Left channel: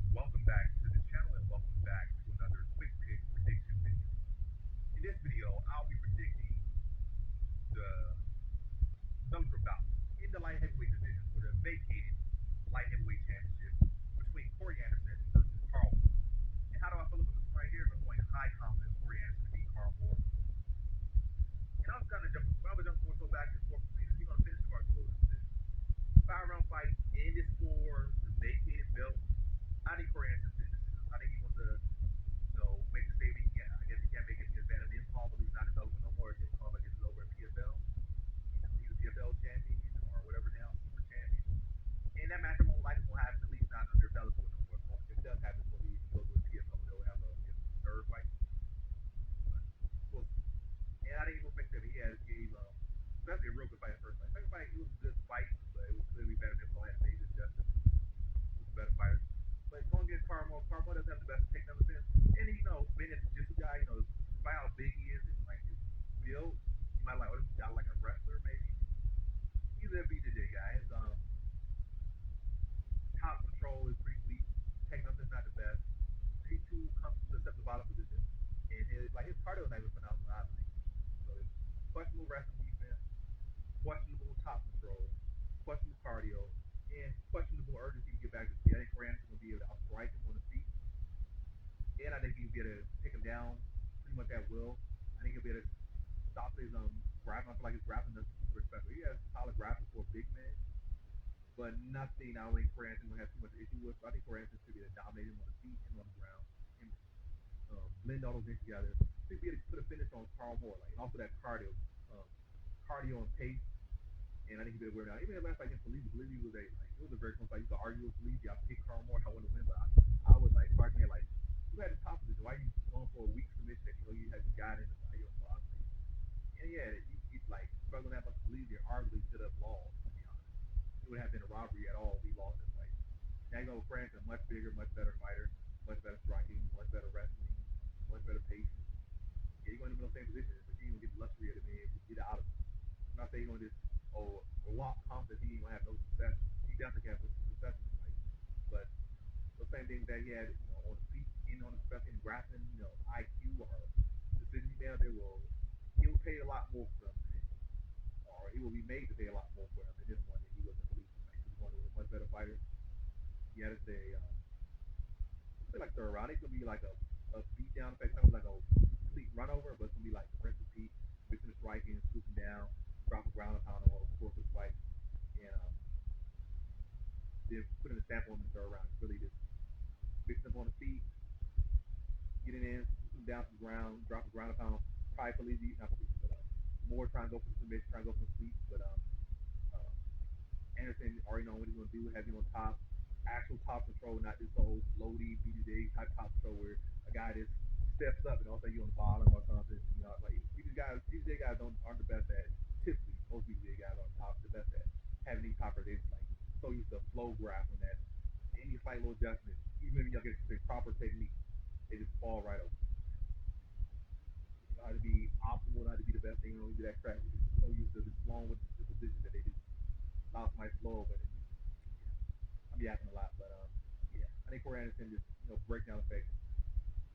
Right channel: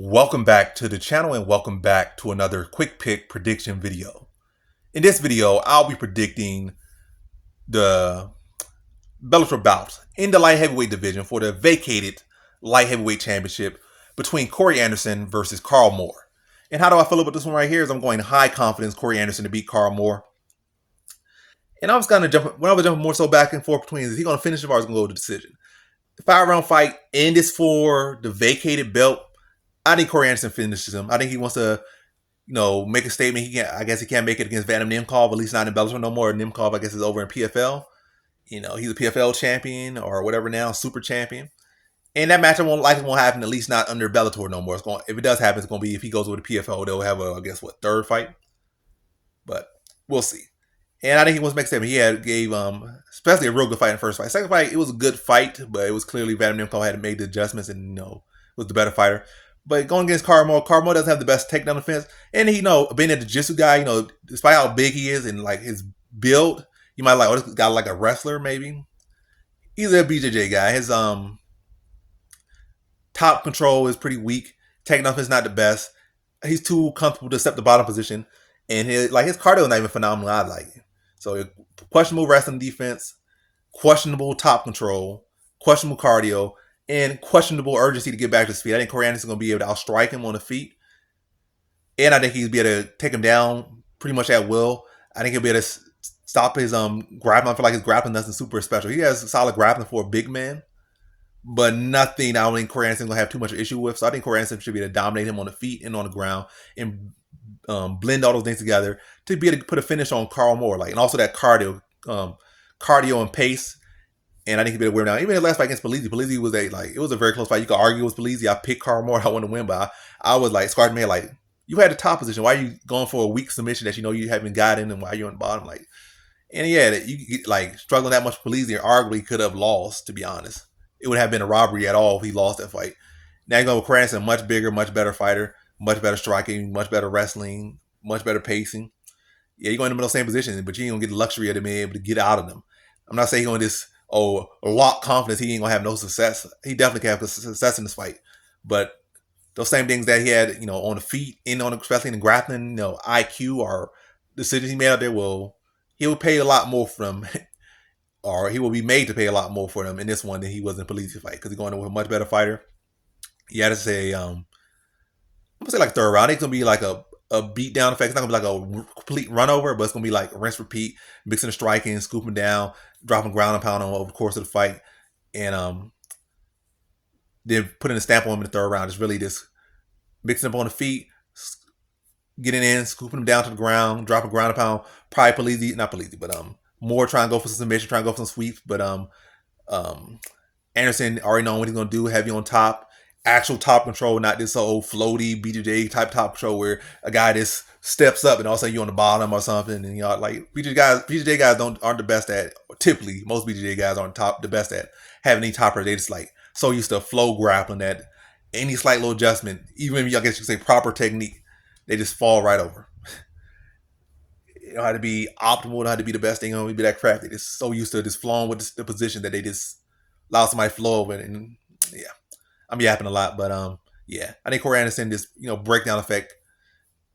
Welcome back to the channel and welcome back to another quick pick prediction video. In this video, I'll be predicting the Bellator bout in the light heavyweight division for the vacated light heavyweight championship between Corey Anderson versus Karl Moore. And how do I feel about this one right here is I'm going high confidence Corey Anderson to beat Karl Moore. And I was kind of jumping more so back and forth between is he going to finish it or is he going to go to decision. The 5-round fight and it's for the vacated belt. I think Corey Anderson finishes him. I think he wants to, make a statement. I guess he can't make it against Vadim Nemkov, at least not in Bellator no more. Nemkov, I guess, is over in PFL. He's a PFL champion or whatever now, super champion. And that matchup won't happen, at least not under Bellator no more. If it does happen, it's going to be if he goes with the PFL, they'll have third fight. But we'll see. And I think he wants to make a statement. He gave especially a real good fight in the first fight. Second fight, it was a good fight, but it was clearly Vadim Nemkov had made the adjustments and was the better fighter. But going against Karl Moore doesn't have the best takedown defense. And being a jiu-jitsu guy, despite how big he is and like his build, you might this guy like a wrestler maybe. He's a BJJ guy. His top control is pretty weak. Takedown defense is not the best. He's too comfortable to accept the bottom position, and his cardio is not even phenomenal. I like it. So questionable wrestling defense, questionable top control, questionable cardio, and questionable urgency to get back to his feet. I think Corey Anderson is going to be able to outstrike him on the feet. And I think he'll be able to take him down pretty much at will. I think he'll be able to stop his grappling. I feel like his grappling isn't super special. He has solid grappling for a big man, but nothing I don't think Corey Anderson is going to have too much issue with. So I think Corey Anderson should be able to dominate him on the feet and on the ground and blend all those things together to be able to put a finish on Karl Moore. And also that cardio and pace. And I think he'd be able to wear him down. Even the last fight against Polizzi was it was a very close fight. You could argue it was Polizzi. I picked Karl Moore. I want to win, but I was scratching my head you had the top position. Why are you going for a weak submission that you haven't gotten, and why you're on the bottom? And yeah, you struggling that much. Polizzi arguably could have lost. To be honest, it would have been a robbery at all if he lost that fight. Now you're going with Corey Anderson, much bigger, much better fighter, much better striking, much better wrestling, much better pacing. Yeah, you're going in the middle same position, but you ain't gonna get the luxury of being able to get out of them. I'm not saying he's going to lock confidence. He ain't gonna have no success. He definitely can have success in this fight, but those same things that he had, on the feet and especially in the grappling, IQ or decisions he made out there, he will pay a lot more for them, or he will be made to pay a lot more for them in this one than he was in Polizzi fight because he's going in with a much better fighter. You had to say, I'm gonna say third round. It's gonna be a beat down effect. It's not gonna be a complete run over, but it's gonna be rinse repeat, mixing the striking, scooping down, dropping ground and pound on over the course of the fight, and then putting a stamp on him in the third round. It's really just mixing up on the feet, getting in, scooping him down to the ground, dropping ground and pound. Probably not Polizzi, but Moore trying to go for some submission, trying to go for some sweeps, but Anderson already knowing what he's gonna do, heavy on top. Actual top control, not this old floaty BJJ type top control where a guy just steps up and all of a sudden you're on the bottom or something, and BJJ guys aren't the best at. Typically, most BJJ guys aren't the best at having any topper. They just so used to flow grappling that any slight little adjustment, even if I guess you could say proper technique, they just fall right over. You know how to be optimal, how to be the best thing, be that crafty. They're just so used to just flowing with the position that they just allow somebody to flow over, and yeah. I'm yapping a lot, but yeah, I think Corey Anderson just breakdown effect,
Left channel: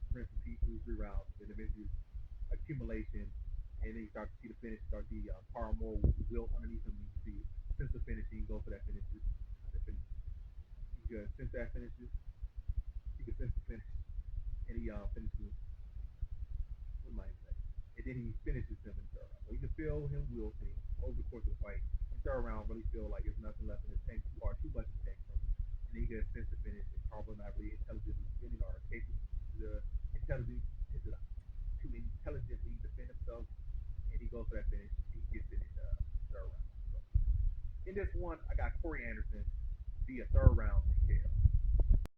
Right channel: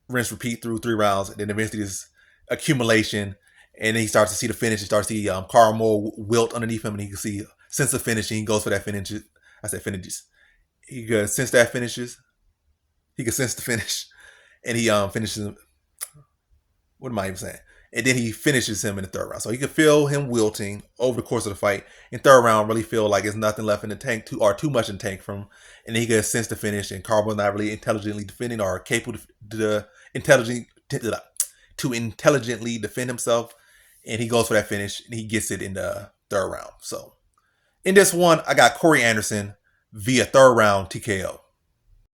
rinse repeat through 3 rounds, and then eventually this accumulation, and then he starts to see the finish. He starts to see Karl Moore wilt underneath him, and he can see sense the finish, and he goes for that finish. I said finishes. He could sense that finishes. He could sense the finish, and he finishes. What am I even saying? And then he finishes him in the third round. So he could feel him wilting over the course of the fight. In third round, really feel like there's nothing left in the tank, too much in the tank from him. And then he could sense the finish, and Karl was not really intelligently defending or capable to intelligently defend himself. And he goes for that finish, and he gets it in the third round. So in this one, I got Corey Anderson via third round TKO.